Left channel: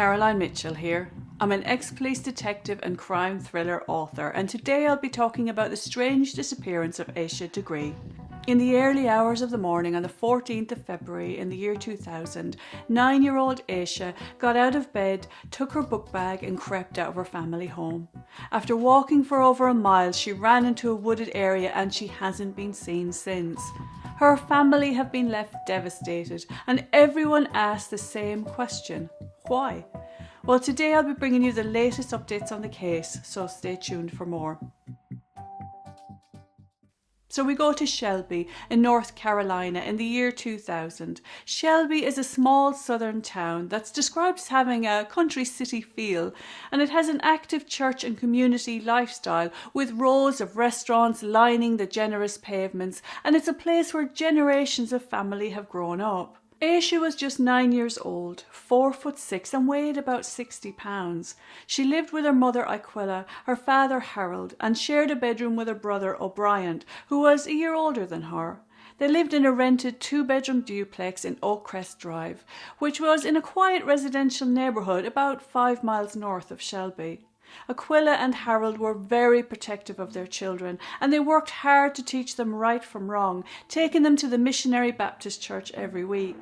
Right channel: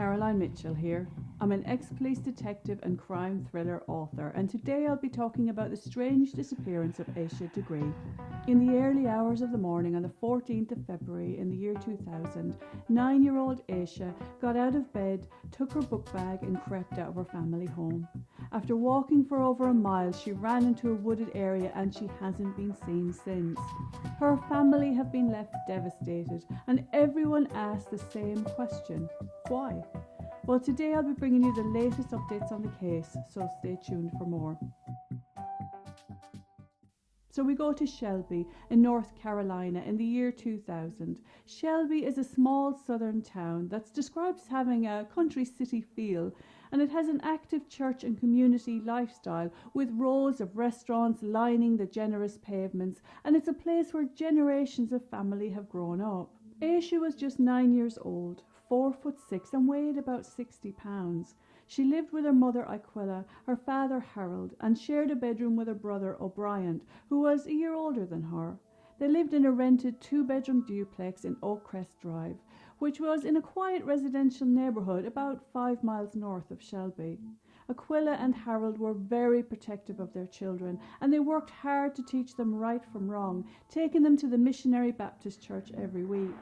Caroline Mitchell here. I'm an ex-police detective and crime thriller author, and today I'll be talking about the strange disappearance of Asha Degree. In the early hours of the morning on the 14th of February in the year 2000, 9-year-old Asha got out of bed, took her book bag and crept out of her family home. After walking for over a mile, she ran into a wooded area and she hasn't been seen since. Her family have been left devastated, and everyone asked the same question: why? Well, today I'll be bringing you the latest updates on the case, so stay tuned for more. So we go to Shelby in North Carolina in the year 2000. Shelby is a small southern town that's described as having a country city feel, and it has an active church and community lifestyle with rows of restaurants lining the generous pavements, and it's a place where generations of family have grown up. Asha was just 9 years old, 4'6", and weighed about 60 pounds. She lived with her mother Aquila, her father Harold, and shared a bedroom with her brother O'Brien, who was a year older than her. They lived in a rented 2-bedroom duplex in Oakcrest Drive, which was in a quiet residential neighbourhood about 5 miles north of Shelby. Aquila and Harold were very protective of their children, and they worked hard to teach them right from wrong, taking them to the Missionary Baptist Church every week.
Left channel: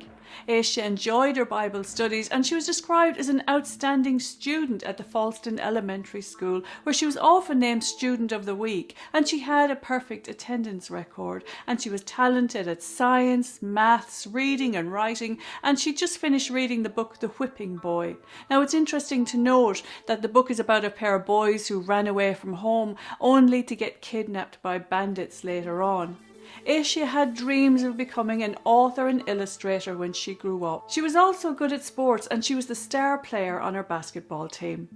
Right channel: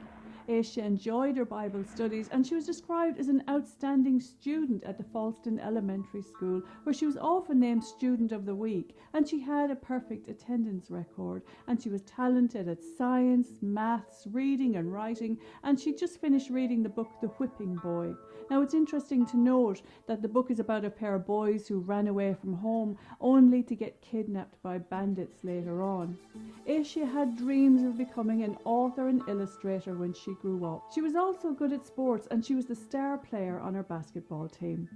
Asha enjoyed her Bible studies, and she was described as an outstanding student at the Falston Elementary School, where she was often named Student of the Week, and she had a perfect attendance record, and she was talented at science, maths, reading and writing, and she just finished reading the book The Whipping Boy. Now it's interesting to note that the book is about a pair of boys who ran away from home only to get kidnapped by bandits later on. Asha had dreams of becoming an author and illustrator when she grew up. She was also good at sports, and she was the star player on her basketball team.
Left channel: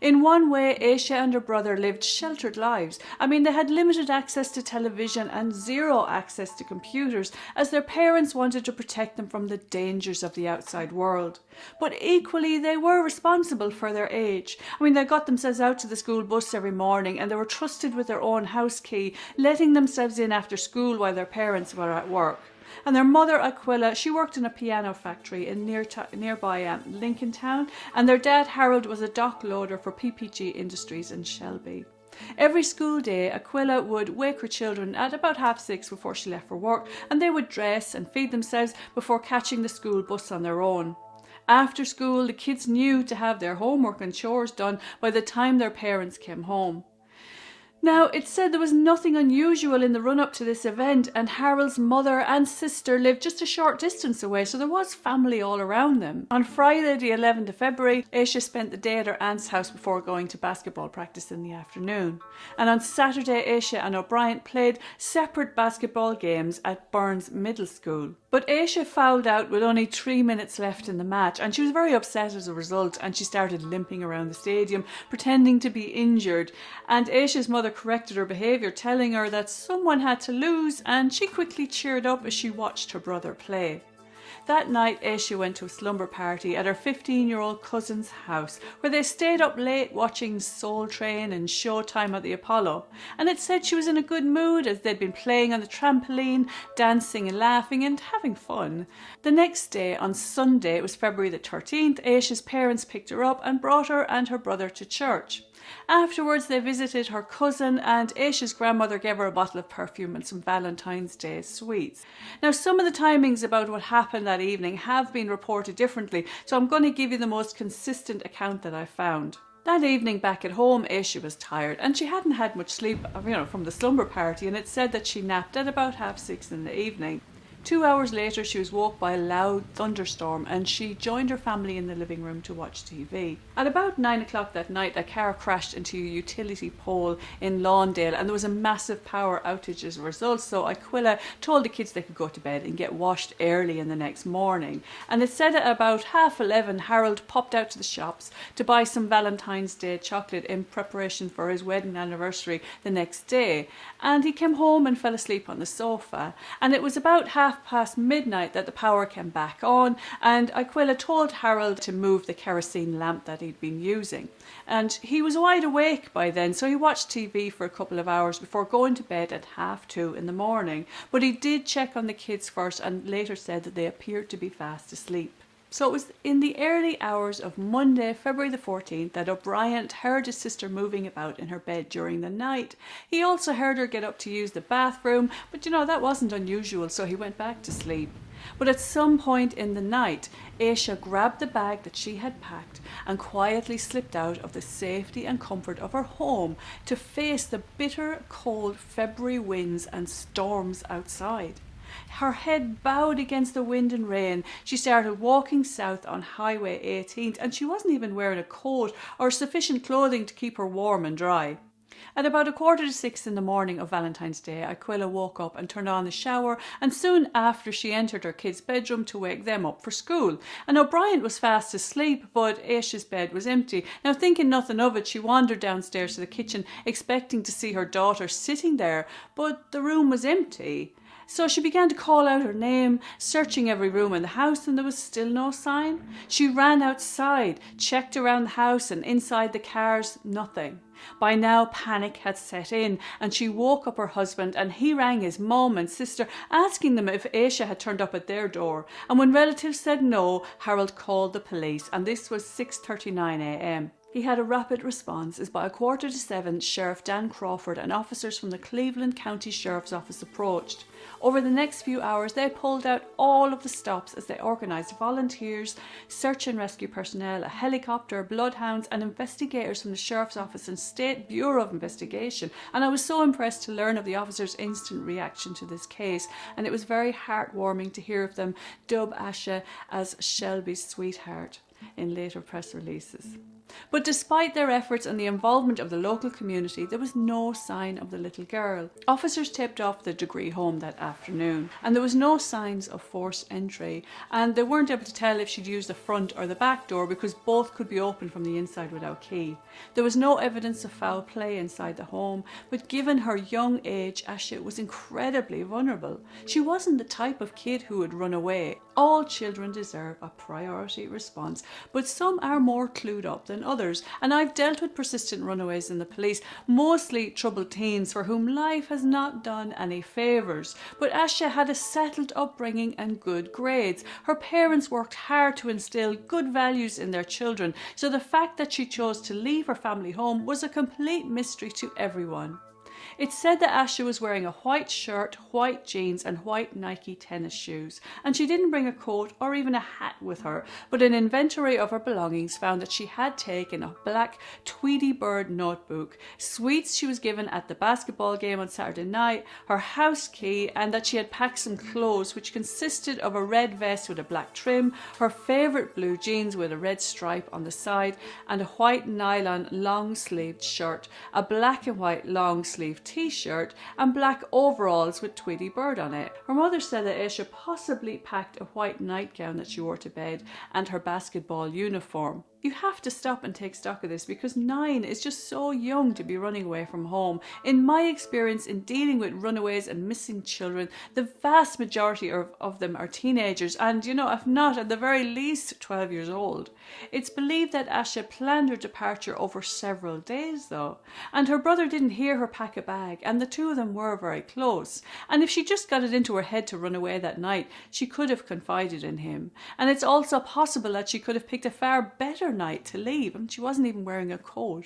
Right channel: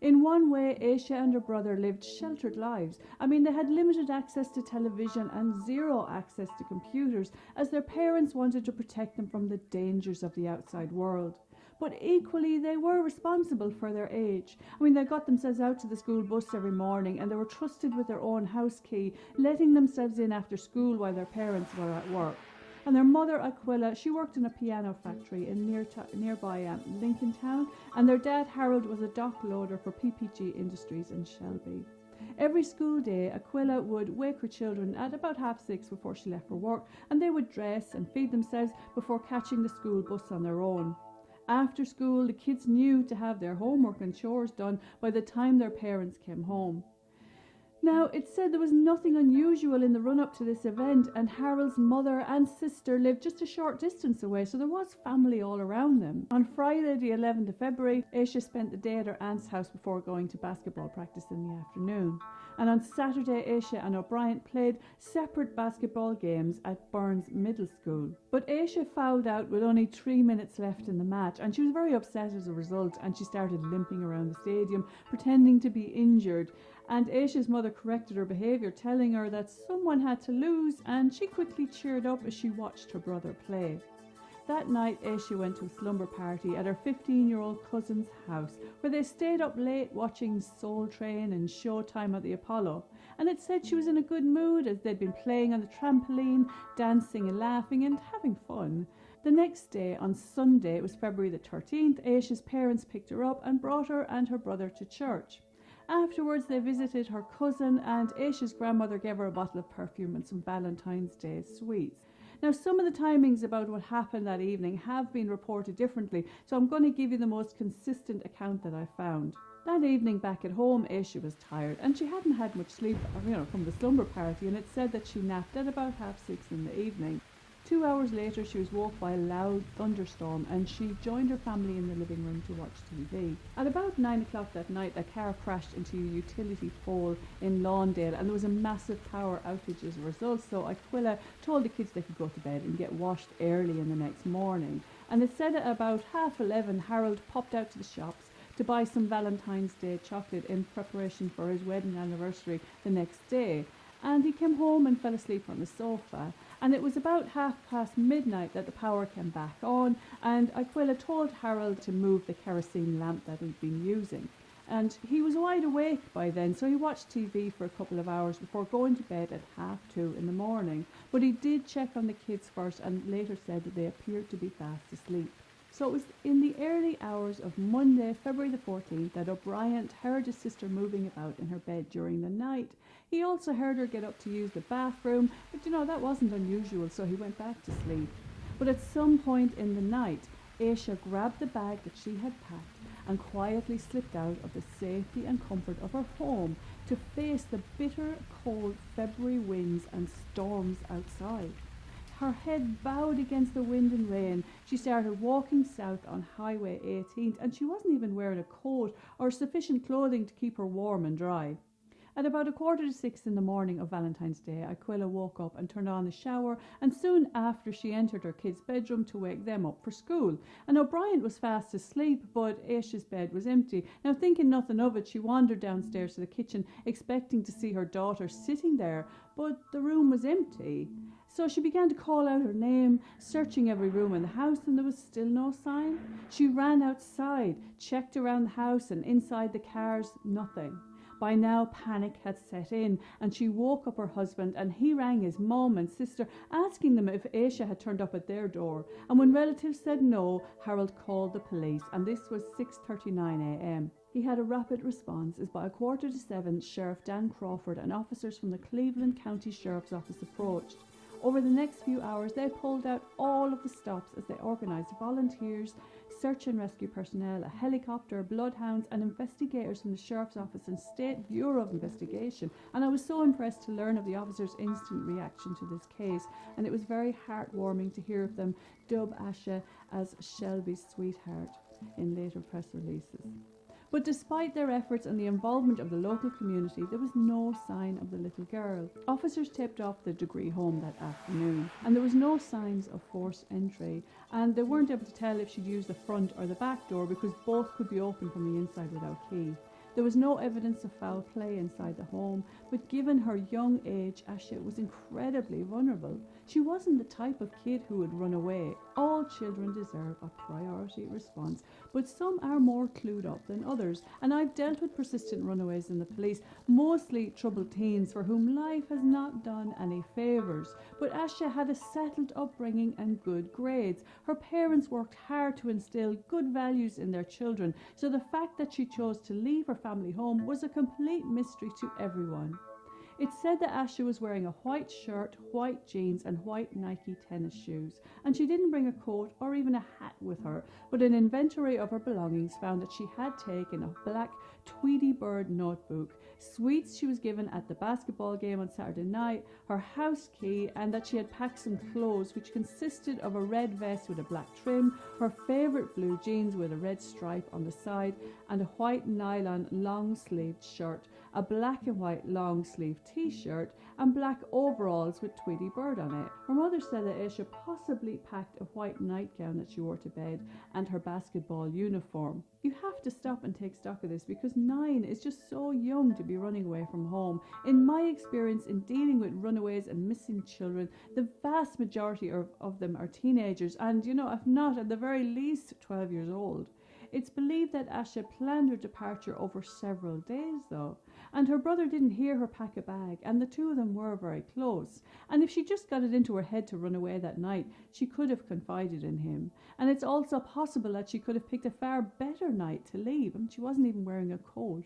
In one way, Asha and her brother lived sheltered lives. They had limited access to television and zero access to computers, as their parents wanted to protect them from the dangers of the outside world. But equally, they were responsible for their age. They got themselves out to the school bus every morning, and they were trusted with their own house key, letting themselves in after school while their parents were at work. And their mother Aquila, she worked in a piano factory in nearby Lincoln Town, and their dad Harold was a dock loader for PPG Industries in Shelby. Every school day, Aquila would wake her children at about 6:30 before she left for work, and they would dress and feed themselves before catching the school bus on their own. After school, the kids knew to have their homework and chores done by the time their parents came home. Now, it's said there was nothing unusual in the run-up to this event, and Harold's mother and sister lived just a short distance away, so there was family all around them. On Friday the 11th of February, Asha spent the day at her aunt's house before going to basketball practice in the afternoon. And on Saturday, Asha and O'Brien played separate basketball games at Burns Middle School. But Asha fouled out with only 3 minutes left in the match, and she was very upset as a result, and she started limping around the stadium, pretending to be injured. And Asha's mother corrected her behaviour, telling her that someone had to lose, and she quickly cheered up as she watched her brother play. That night, Asha went to a slumber party at her 15-year-old cousin's house, where they stayed up late watching Soul Train and Showtime at the Apollo. And it said she was in a good mood as they'd been playing on the trampoline, dancing and laughing and having fun. The next day, on Sunday, it was February the 13th, Asha's parents picked her up and brought her and her brother to church. Afterwards, they visited her cousin, and Asha's grandmother gave her a bottle of perfume and some Valentine's Day sweets. Now, some of the timings about what happened that evening have been reported differently, so I'm going to give you the most consistent account that I found. That evening back at home, Asha was tired, and she hadn't had much sleep, from the slumber party, and it said that she napped at about 6:30 in the evening. 2 hours later, she was woke by a loud thunderstorm, and she joined her family in the living room to watch TV. At about 9 o'clock that night, a car crashed into a utility pole in Lawndale, and there was a massive power outage as a result, so Aquila told the kids they could go to bed and get washed early in the next morning. And it said at about 11:30, Harold popped out to the shops to buy some Valentine's Day chocolate in preparation for his wedding anniversary the next day, and he came home and fell asleep on the sofa. And it was about midnight that the power came back on, and Aquila told Harold to move the kerosene lamp that he'd been using. And he was wide awake by then, so he watched TV for a couple of hours before going to bed at 2:30 in the morning. But he did check on the kids first, and later said that they appeared to be fast asleep. So it was in the early hours of Monday, February the 14th, that O'Brien heard his sister moving about in her bed during the night. He also heard her get up to use the bathroom, but that wasn't unusual, so he went back to sleep. But at some point in the night, Asha grabbed the bag that she had packed and quietly slipped out of the safety and comfort of her home to face the bitter, cold February winds and storms outside. Her head bowed against the wind and rain. She started walking south on Highway 18th, and she wasn't even wearing a coat or sufficient clothing to keep her warm and dry. At about 5:45 in the morning of Valentine's Day, Aquila woke up and turned on the shower, and soon after she entered her kids' bedroom to wake them up for school. And O'Brien was fast asleep, but Aisha's bed was empty. Now, thinking nothing of it, she wandered downstairs to the kitchen, expecting to see her daughter sitting there, but the room was empty. So she began to call out her name, searching every room in the house, and there was still no sign. She ran outside, checked around the house and inside the cars, nothing. By now, panic had set in, and she woke up her husband, and he rang his mum and sister, asking them if Asha had turned up at their door. And when relatives said no, Harold called the police, and this was 6:39 a.m. He had a rapid response as by 6:45, Sheriff Dan Crawford and officers from the Cleveland County Sheriff's Office approached. Over the next few hours, they pulled out all of the stops as they organised volunteers, search and rescue personnel, a helicopter, bloodhounds and investigators from the Sheriff's Office and State Bureau of Investigation. And I was so impressed to learn of the officers' instant reaction to this case, and it was very heartwarming to hear of them dub Asha as Shelby's sweetheart in later press releases. But despite their efforts and the involvement of the local community, there was no sign of the little girl. Officers tipped off the Degree home that afternoon, and there was no signs of forced entry, and they weren't able to tell if she'd used the front or the back door because both could be opened from the inside without key. There was no evidence of foul play inside the home, but given her young age, Asha was incredibly vulnerable. She wasn't the type of kid who would run away. All children deserve a priority response, but some are more clued up than others, and I've dealt with persistent runaways in the police, mostly troubled teens for whom life has not done any favours. But Asha had a settled upbringing and good grades. Her parents worked hard to instill good values in their children, so the fact that she chose to leave her family home was a complete mystery to everyone. It's said that Asha was wearing a white shirt, white jeans and white Nike tennis shoes, and she didn't bring a coat or even a hat with her, but an inventory of her belongings found that she had taken a black Tweety Bird notebook, sweets she was given at the basketball game on Saturday night, her house key, and that she had packed some clothes which consisted of a red vest with a black trim, her favourite blue jeans with a red stripe on the side, and a white nylon long-sleeved shirt, a black and white long-sleeved t-shirt and black overalls with Tweety Bird on it. Her mother said that Asha possibly packed a white nightgown that she wore to bed and her basketball uniform. You have to stop and take stock of this because 9 is just so young to be running away from home. In my experience in dealing with runaways and missing children, the vast majority of them are teenagers and, if not at the very least 12 years old. It's believed that Asha planned her departure over several days though, and her brother didn't hear her pack a bag, and the two of them were very close. And if she just got it into her head to run away that night, she could have confided in him. And it's also possible that she could have picked a far better night to leave, and she wasn't even wearing a coat.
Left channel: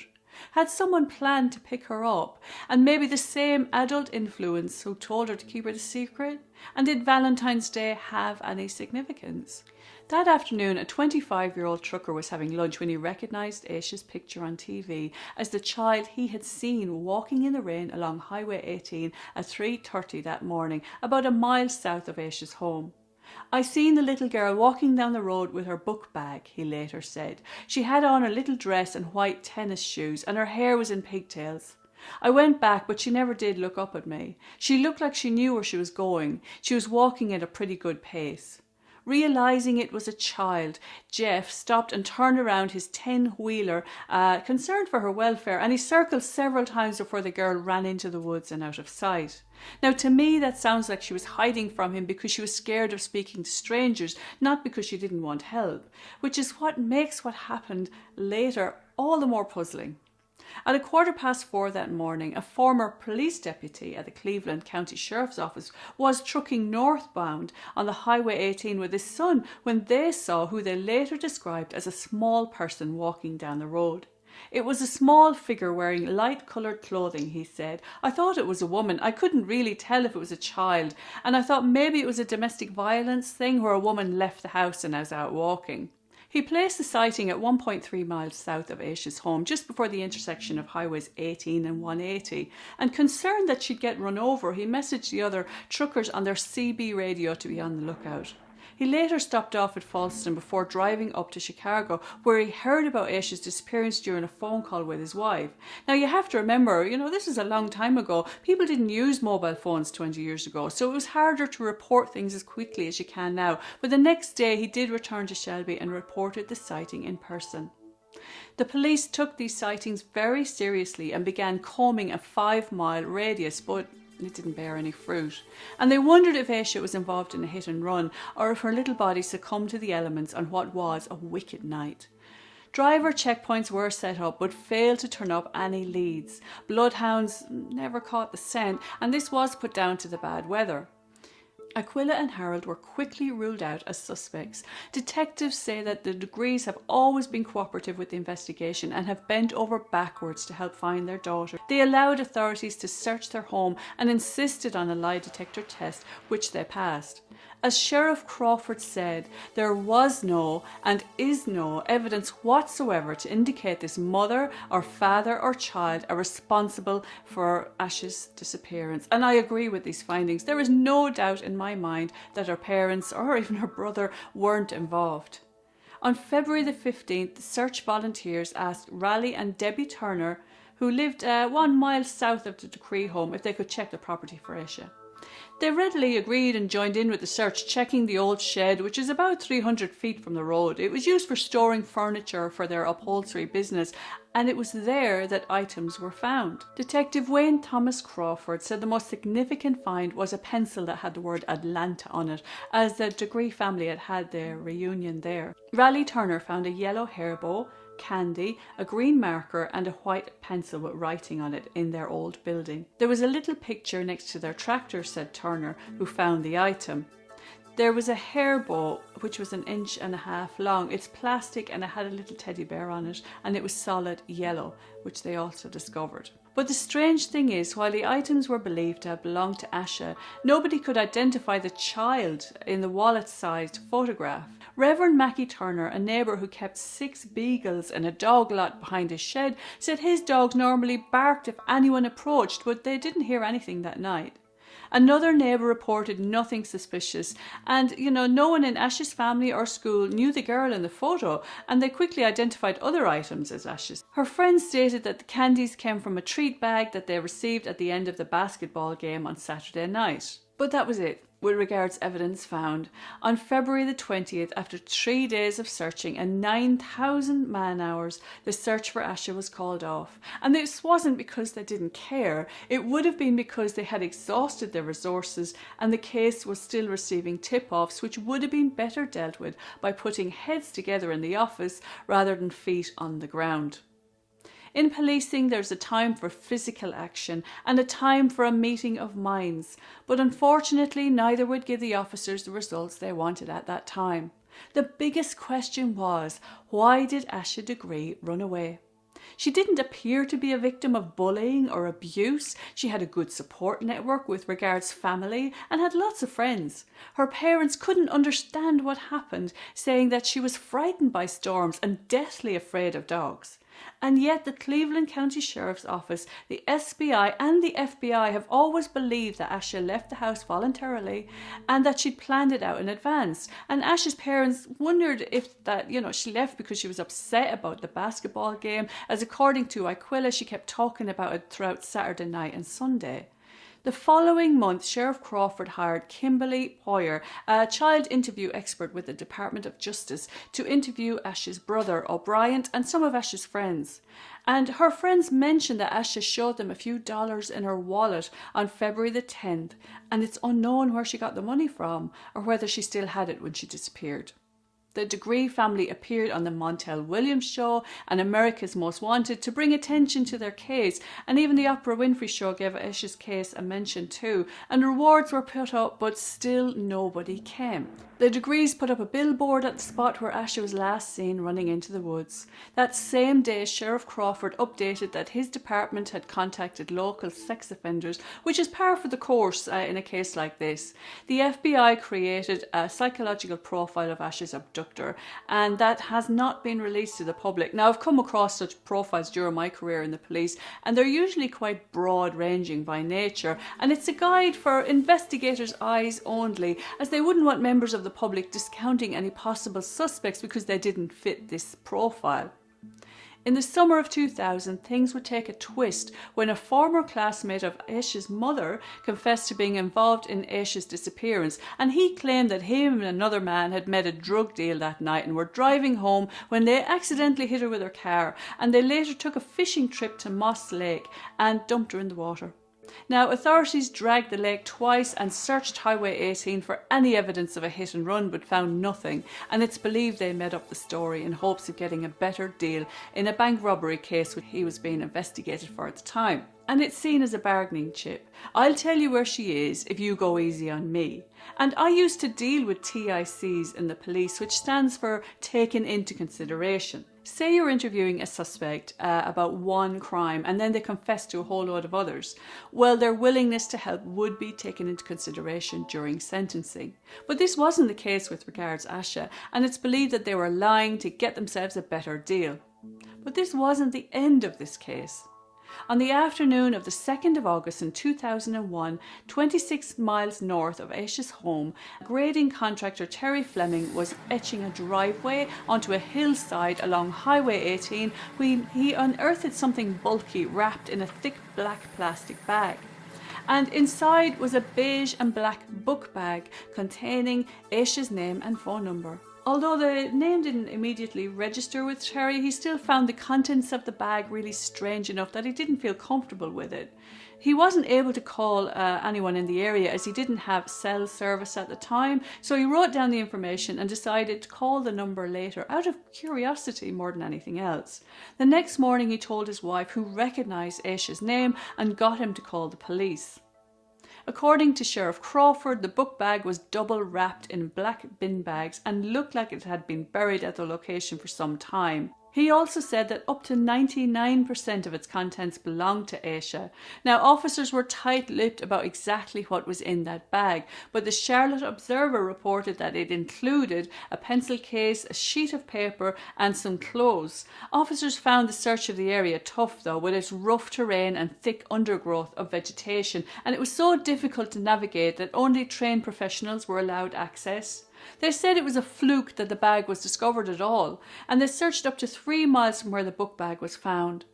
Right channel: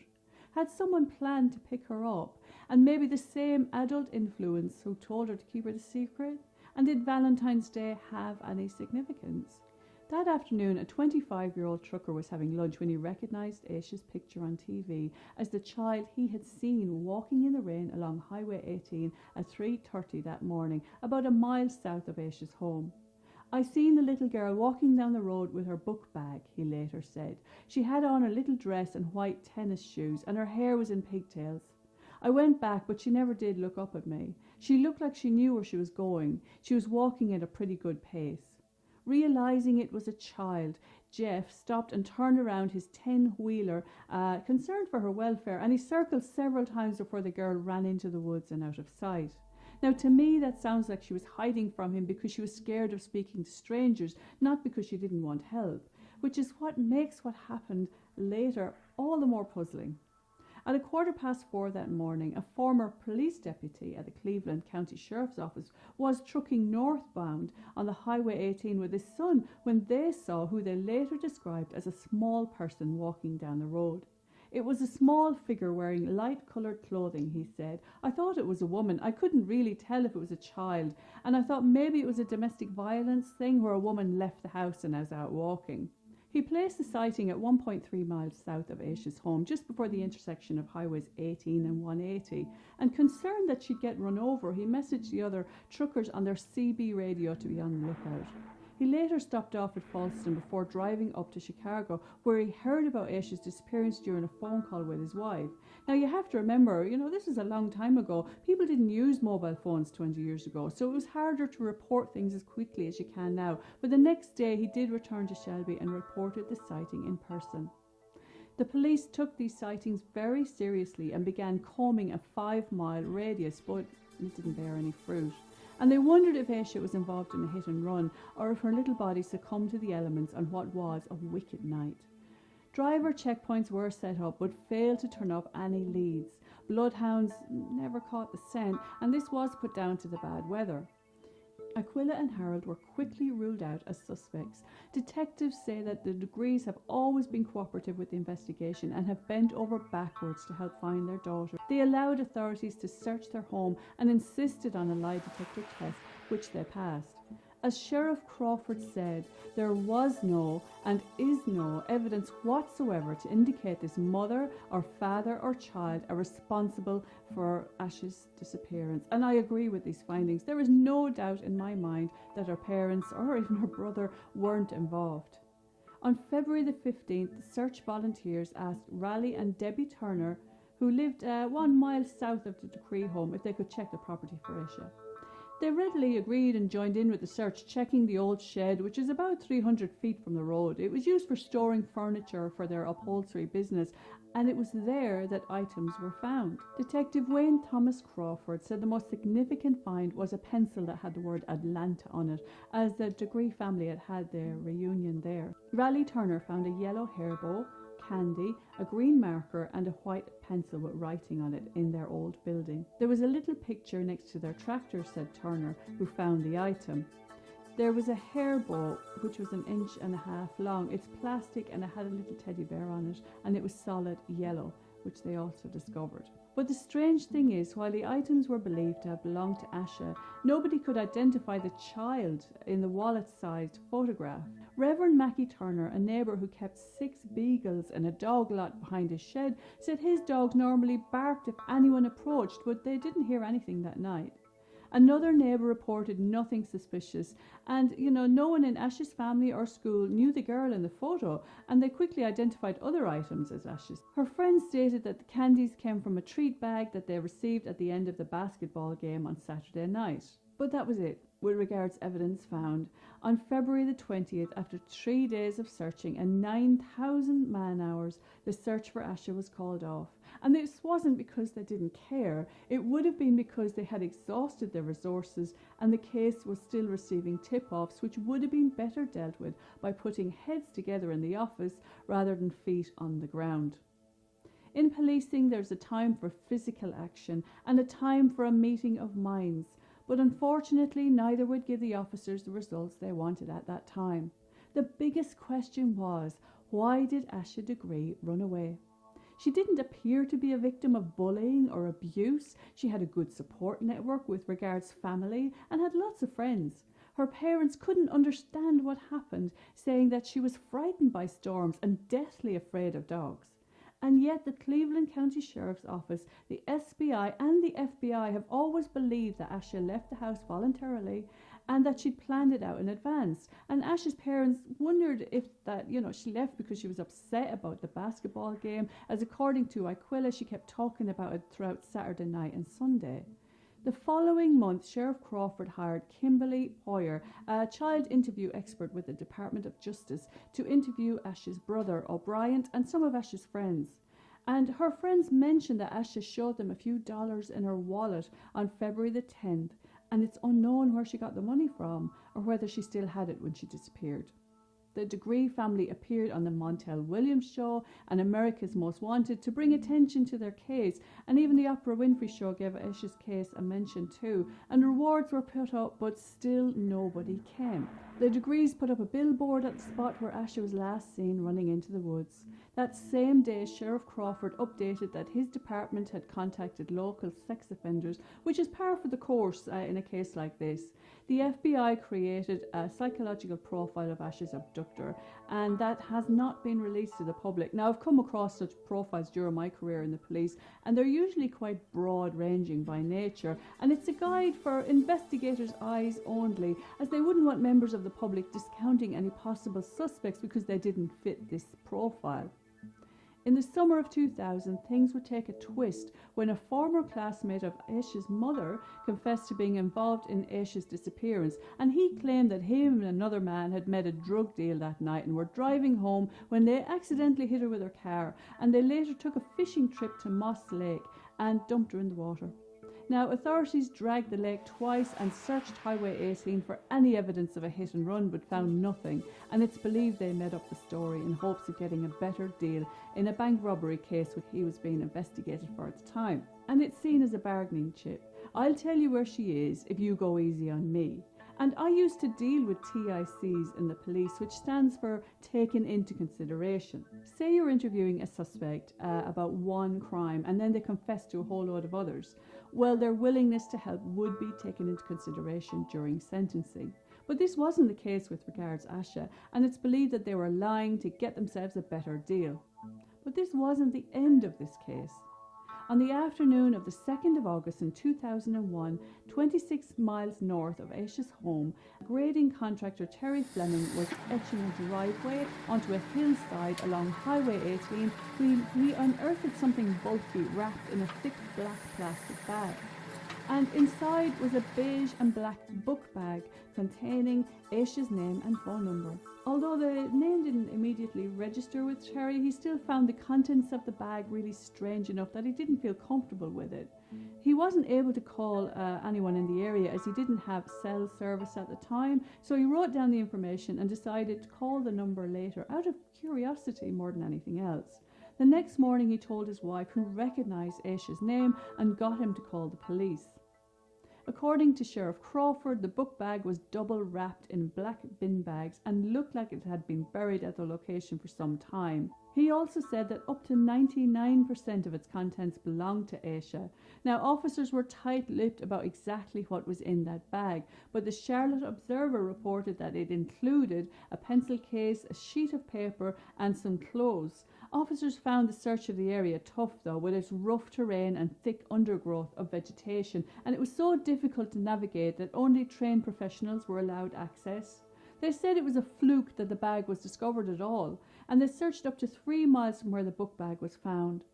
Had someone planned to pick her up, and maybe the same adult influence who told her to keep it a secret? And did Valentine's Day have any significance? That afternoon, a 25-year-old trucker was having lunch when he recognised Asha's picture on TV as the child he had seen walking in the rain along Highway 18 at 3:30 that morning, about a mile south of Asha's home. "I seen the little girl walking down the road with her book bag," he later said. "She had on a little dress and white tennis shoes, and her hair was in pigtails. I went back, but she never did look up at me. She looked like she knew where she was going. She was walking at a pretty good pace." Realising it was a child, Jeff stopped and turned around his 10-wheeler, concerned for her welfare, and he circled several times before the girl ran into the woods and out of sight. Now, to me, that sounds like she was hiding from him because she was scared of speaking to strangers, not because she didn't want help, which is what makes what happened later all the more puzzling. At 4:15 that morning, a former police deputy at the Cleveland County Sheriff's Office was trucking northbound on the Highway 18 with his son when they saw who they later described as a small person walking down the road. It was a small figure wearing light-coloured clothing, he said. I thought it was a woman. I couldn't really tell if it was a child, and I thought maybe it was a domestic violence thing where a woman left the house and I was out walking. He placed the sighting at 1.3 miles south of Asha's home, just before the intersection of highways 18 and 180, and concerned that she'd get run over, he messaged the other truckers on their CB radio to be on the lookout. He later stopped off at Falston before driving up to Chicago, where he heard about Asha's disappearance during a phone call with his wife. Now, you have to remember, this is a long time ago. People didn't use mobile phones 20 years ago, so it was harder to report things as quickly as you can now. But the next day, he did return to Shelby and reported the sighting in person. The police took these sightings very seriously and began combing a 5-mile radius, but it didn't bear any fruit. And they wondered if Asha was involved in a hit and run, or if her little body succumbed to the elements on what was a wicked night. Driver checkpoints were set up, but failed to turn up any leads. Bloodhounds never caught the scent, and this was put down to the bad weather. Aquila and Harold were quickly ruled out as suspects. Detectives say that the Degrees have always been cooperative with the investigation and have bent over backwards to help find their daughter. They allowed authorities to search their home and insisted on a lie detector test, which they passed. As Sheriff Crawford said, there was no and is no evidence whatsoever to indicate this mother or father or child are responsible for Asha's disappearance. And I agree with these findings. There is no doubt in my mind that her parents or even her brother weren't involved. On February the 15th, search volunteers asked Raleigh and Debbie Turner, who lived 1 mile south of the Degree home, if they could check the property for Asha. They readily agreed and joined in with the search, checking the old shed, which is about 300 feet from the road. It was used for storing furniture for their upholstery business, and it was there that items were found. Detective Wayne Thomas Crawford said the most significant find was a pencil that had the word Atlanta on it, as the Degree family had had their reunion there. Raleigh Turner found a yellow hair bow, candy, a green marker and a white pencil with writing on it in their old building. There was a little picture next to their tractor, said Turner, who found the item. There was a hair bow which was 1.5 inches long. It's plastic and it had a little teddy bear on it, and it was solid yellow, which they also discovered. But the strange thing is, while the items were believed to have belonged to Asha, nobody could identify the child in the wallet-sized photograph. Reverend Mackie Turner, a neighbour who kept 6 beagles in a dog lot behind his shed, said his dogs normally barked if anyone approached, but they didn't hear anything that night. Another neighbour reported nothing suspicious, and no one in Asha's family or school knew the girl in the photo, and they quickly identified other items as Asha's. Her friends stated that the candies came from a treat bag that they received at the end of the basketball game on Saturday night. But that was it with regards evidence found. On February the 20th, after 3 days of searching and 9,000 man-hours, the search for Asha was called off. And this wasn't because they didn't care. It would have been because they had exhausted their resources and the case was still receiving tip-offs, which would have been better dealt with by putting heads together in the office rather than feet on the ground. In policing, there's a time for physical action and a time for a meeting of minds, but unfortunately neither would give the officers the results they wanted at that time. The biggest question was, why did Asha Degree run away? She didn't appear to be a victim of bullying or abuse. She had a good support network with regards family and had lots of friends. Her parents couldn't understand what happened, saying that she was frightened by storms and deathly afraid of dogs. And yet the Cleveland County Sheriff's Office, the SBI and the FBI have always believed that Asha left the house voluntarily and that she'd planned it out in advance. And Asha's parents wondered if she left because she was upset about the basketball game, as according to Aquila, she kept talking about it throughout Saturday night and Sunday. The following month, Sheriff Crawford hired Kimberly Poyer, a child interview expert with the Department of Justice, to interview Asha's brother, O'Brien, and some of Asha's friends. And her friends mentioned that Asha showed them a few dollars in her wallet on February the 10th, and it's unknown where she got the money from or whether she still had it when she disappeared. The Degree family appeared on the Montel Williams show and America's Most Wanted to bring attention to their case, and even the Oprah Winfrey show gave Asha's case a mention too, and rewards were put up, but still nobody came. The Degrees put up a billboard at the spot where Asha was last seen running into the woods. That same day, Sheriff Crawford updated that his department had contacted local sex offenders, which is par for the course in a case like this. The FBI created a psychological profile of Asha's abductor, and that has not been released to the public. Now, I've come across such profiles during my career in the police, and they're usually quite broad-ranging by nature, and it's a guide for investigators' eyes only, as they wouldn't want members of the public discounting any possible suspects because they didn't fit this profile. In the summer of 2000, things would take a twist when a former classmate of Asha's mother confessed to being involved in Asha's disappearance, and he claimed that him and another man had made a drug deal that night and were driving home when they accidentally hit her with their car, and they later took a fishing trip to Moss Lake and dumped her in the water. Now, authorities dragged the lake twice and searched Highway 18 for any evidence of a hit and run, but found nothing, and it's believed they made up the story in hopes of getting a better deal in a bank robbery case which he was being investigated for at the time. And it's seen as a bargaining chip. I'll tell you where she is if you go easy on me. And I used to deal with TICs in the police, which stands for taken into consideration. Say you're interviewing a suspect about one crime and then they confess to a whole load of others. Well, their willingness to help would be taken into consideration during sentencing. But this wasn't the case with regards Asha, and it's believed that they were lying to get themselves a better deal. But this wasn't the end of this case. On the afternoon of the 2nd of August in 2001, 26 miles north of Asha's home, grading contractor Terry Fleming was etching a driveway onto a hillside along Highway 18 when he unearthed something bulky wrapped in a thick black plastic bag. And inside was a beige and black book bag containing Asha's name and phone number. Although the name didn't immediately register with Terry, he still found the contents of the bag really strange enough that he didn't feel comfortable with it. He wasn't able to call anyone in the area as he didn't have cell service at the time, so he wrote down the information and decided to call the number later out of curiosity more than anything else. The next morning he told his wife, who recognised Asha's name, and got him to call the police. According to Sheriff Crawford, the book bag was double wrapped in black bin bags and looked like it had been buried at the location for some time. He also said that up to 99% of its contents belonged to Asha. Now, officers were tight-lipped about exactly what was in that bag, but the Charlotte Observer reported that it included a pencil case, a sheet of paper, and some clothes. Officers found the search of the area tough, though, with its rough terrain and thick undergrowth of vegetation, and it was so difficult to navigate that only trained professionals were allowed access. They said it was a fluke that the bag was discovered at all, and they searched up to 3 miles from where the book bag was found.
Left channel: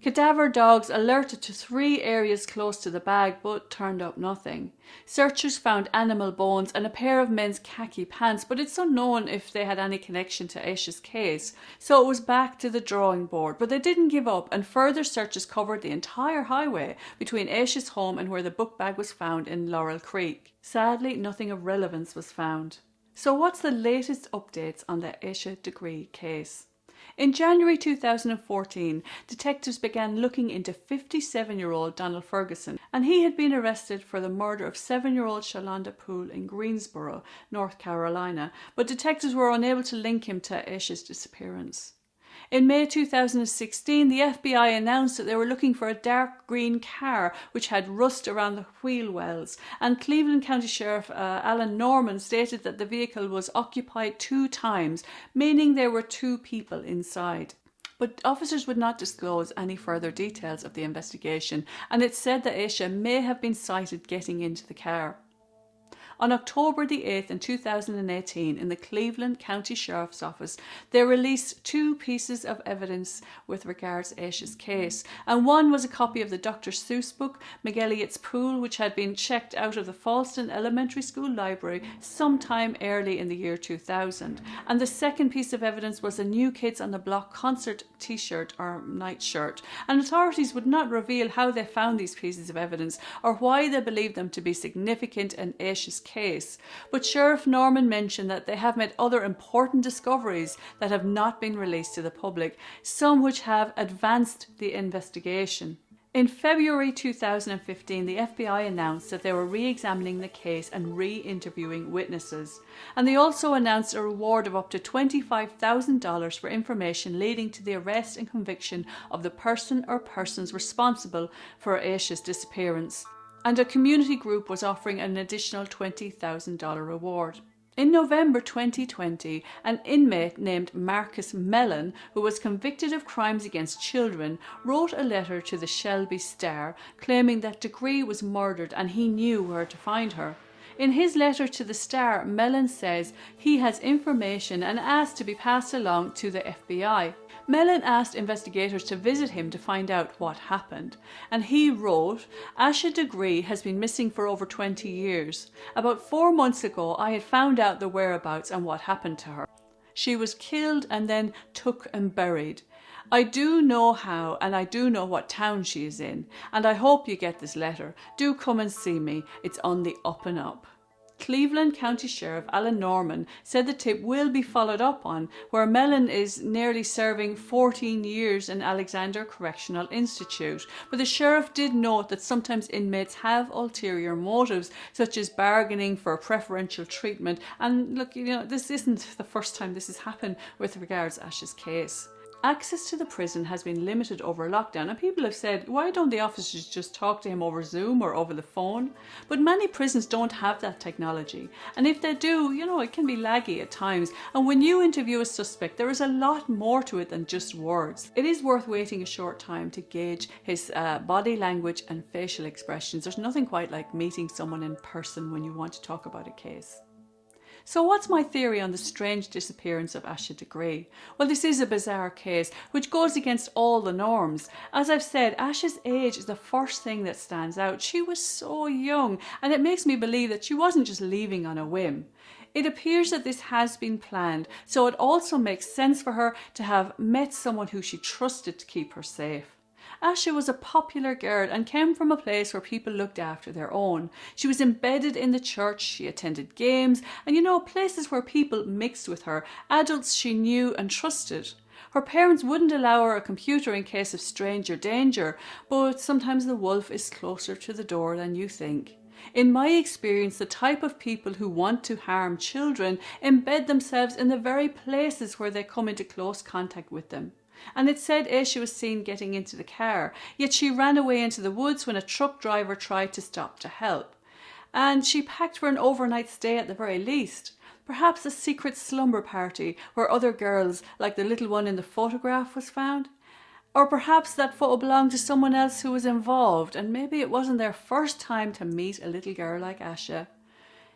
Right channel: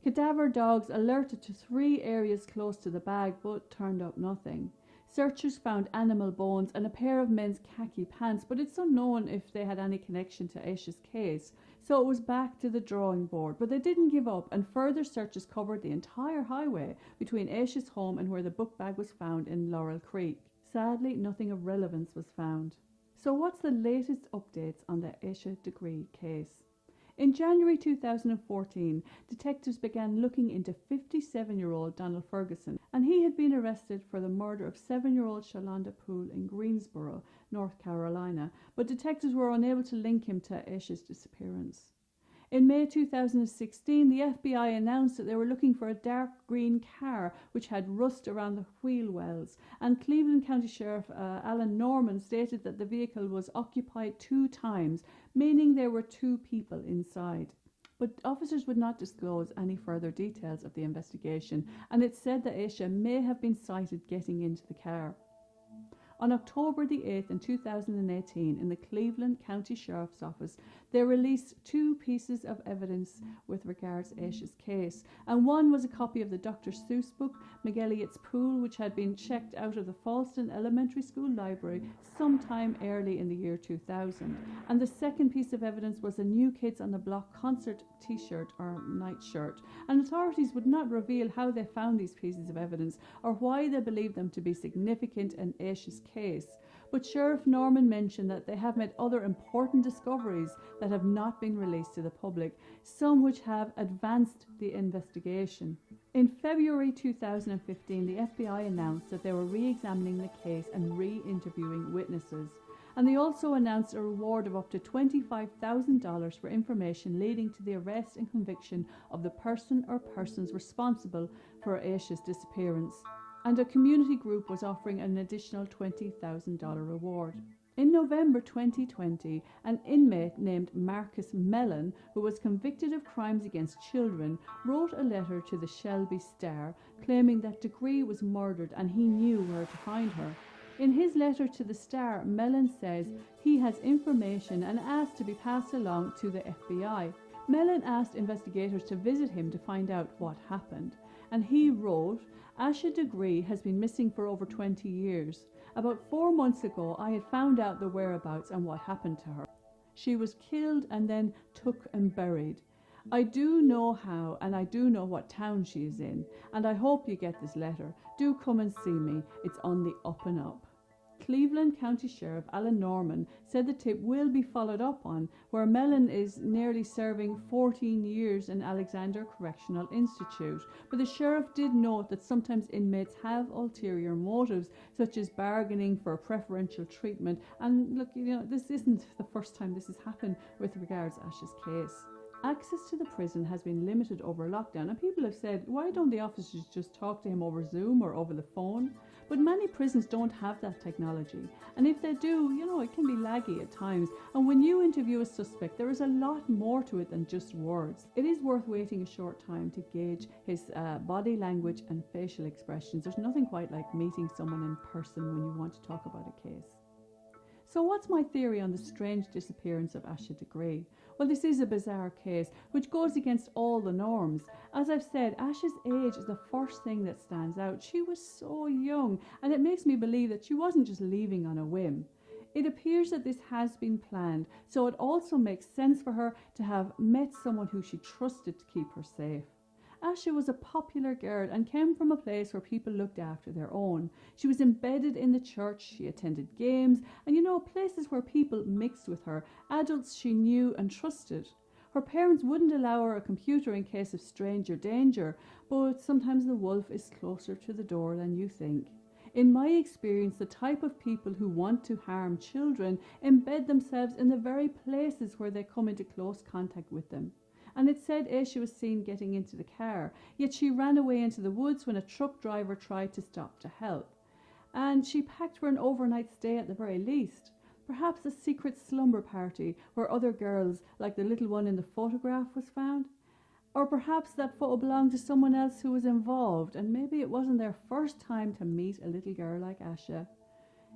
Cadaver dogs alerted to 3 areas close to the bag, but turned up nothing. Searchers found animal bones and a pair of men's khaki pants, but it's unknown if they had any connection to Asha's case, so it was back to the drawing board. But they didn't give up, and further searches covered the entire highway between Asha's home and where the book bag was found in Laurel Creek. Sadly, nothing of relevance was found. So what's the latest updates on the Asha Degree case? In January 2014, detectives began looking into 57-year-old Donald Ferguson, and he had been arrested for the murder of 7-year-old Shalonda Poole in Greensboro, North Carolina, but detectives were unable to link him to Asha's disappearance. In May 2016, the FBI announced that they were looking for a dark green car which had rust around the wheel wells, and Cleveland County Sheriff Alan Norman stated that the vehicle was occupied 2 times, meaning there were 2 people inside. But officers would not disclose any further details of the investigation, and it said that Asha may have been sighted getting into the car. On October the 8th in 2018, in the Cleveland County Sheriff's Office, they released 2 pieces of evidence with regards to Asha's case, and one was a copy of the Dr. Seuss book, McElligot's Pool, which had been checked out of the Falston Elementary School library sometime early in the year 2000. And the second piece of evidence was a New Kids on the Block concert t-shirt or nightshirt, and authorities would not reveal how they found these pieces of evidence or why they believed them to be significant in Asha's case, but Sheriff Norman mentioned that they have made other important discoveries that have not been released to the public, some which have advanced the investigation. In February 2015, the FBI announced that they were re-examining the case and re-interviewing witnesses. And they also announced a reward of up to $25,000 for information leading to the arrest and conviction of the person or persons responsible for Asha's disappearance. And a community group was offering an additional $20,000 reward. In November 2020, an inmate named Marcus Mellon, who was convicted of crimes against children, wrote a letter to the Shelby Star claiming that Degree was murdered and he knew where to find her. In his letter to the Star, Mellon says he has information and asked to be passed along to the FBI. Mellon asked investigators to visit him to find out what happened, and he wrote, "Asha Degree has been missing for over 20 years. About 4 months ago I had found out the whereabouts and what happened to her. She was killed and then took and buried. I do know how and I do know what town she is in, and I hope you get this letter. Do come and see me, it's on the up and up." Cleveland County Sheriff Alan Norman said the tip will be followed up on, where Mellon is nearly serving 14 years in Alexander Correctional Institute. But the sheriff did note that sometimes inmates have ulterior motives, such as bargaining for preferential treatment. And look, this isn't the first time this has happened with regards to Asha's case. Access to the prison has been limited over lockdown, and people have said, why don't the officers just talk to him over Zoom or over the phone? But many prisons don't have that technology, and if they do, it can be laggy at times. And when you interview a suspect, there is a lot more to it than just words. It is worth waiting a short time to gauge his body language and facial expressions. There's nothing quite like meeting someone in person when you want to talk about a case. So what's my theory on the strange disappearance of Asha Degree? Well, this is a bizarre case which goes against all the norms. As I've said, Asha's age is the first thing that stands out. She was so young, and it makes me believe that she wasn't just leaving on a whim. It appears that this has been planned, so it also makes sense for her to have met someone who she trusted to keep her safe. Asha was a popular girl and came from a place where people looked after their own. She was embedded in the church, she attended games, and places where people mixed with her, adults she knew and trusted. Her parents wouldn't allow her a computer in case of stranger danger, but sometimes the wolf is closer to the door than you think. In my experience, the type of people who want to harm children embed themselves in the very places where they come into close contact with them. And it said Asha was seen getting into the car, yet she ran away into the woods when a truck driver tried to stop to help. And she packed for an overnight stay at the very least. Perhaps a secret slumber party where other girls, like the little one in the photograph, was found. Or perhaps that photo belonged to someone else who was involved, and maybe it wasn't their first time to meet a little girl like Asha.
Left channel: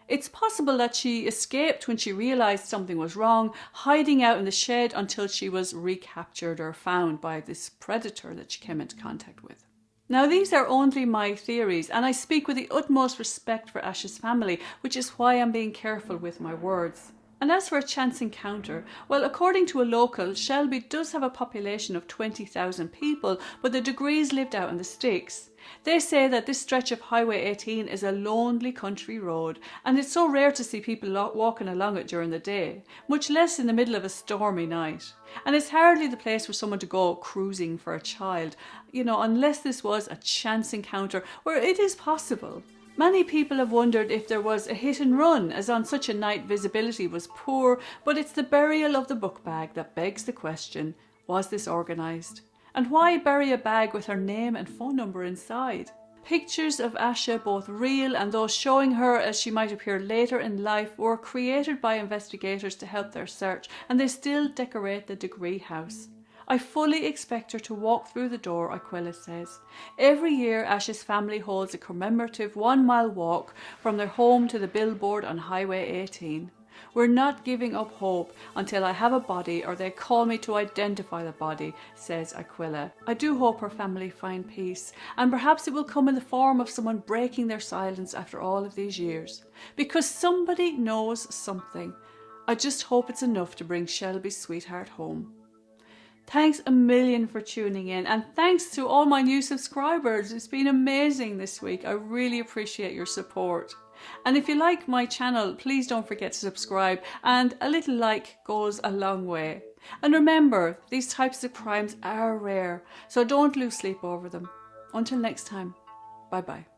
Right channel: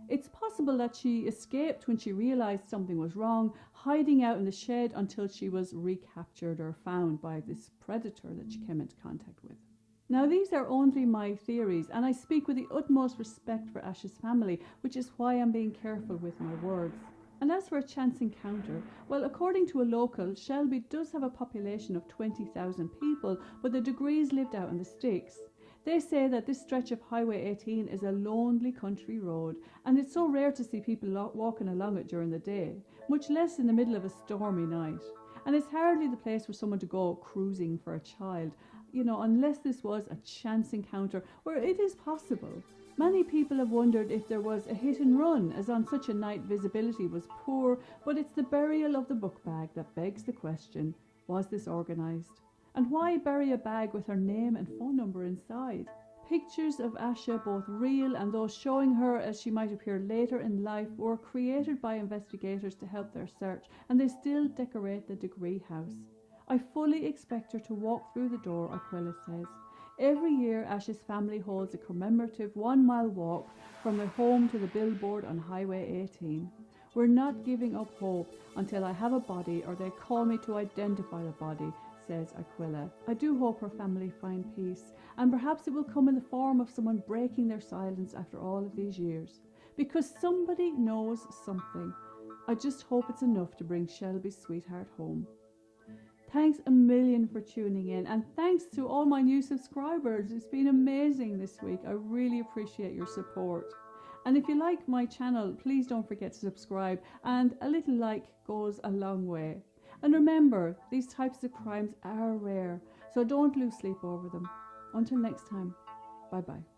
It's possible that she escaped when she realised something was wrong, hiding out in the shed until she was recaptured or found by this predator that she came into contact with. Now, these are only my theories, and I speak with the utmost respect for Asha's family, which is why I'm being careful with my words. And as for a chance encounter, well, according to a local, Shelby does have a population of 20,000 people, but the Degrees lived out in the sticks. They say that this stretch of Highway 18 is a lonely country road, and it's so rare to see people walking along it during the day, much less in the middle of a stormy night. And it's hardly the place for someone to go cruising for a child, unless this was a chance encounter, where it is possible. Many people have wondered if there was a hit and run, as on such a night visibility was poor, but it's the burial of the book bag that begs the question, was this organised? And why bury a bag with her name and phone number inside? Pictures of Asha, both real and those showing her as she might appear later in life, were created by investigators to help their search, and they still decorate the Degree house. I fully expect her to walk through the door, Aquila says. Every year, Asha's family holds a commemorative 1-mile walk from their home to the billboard on Highway 18. We're not giving up hope until I have a body or they call me to identify the body, says Aquila. I do hope her family find peace, and perhaps it will come in the form of someone breaking their silence after all of these years. Because somebody knows something. I just hope it's enough to bring Shelby's sweetheart home. Thanks a million for tuning in, and thanks to all my new subscribers. It's been amazing this week. I really appreciate your support. And if you like my channel, please don't forget to subscribe, and a little like goes a long way. And remember, these types of crimes are rare, so don't lose sleep over them. Until next time, bye bye.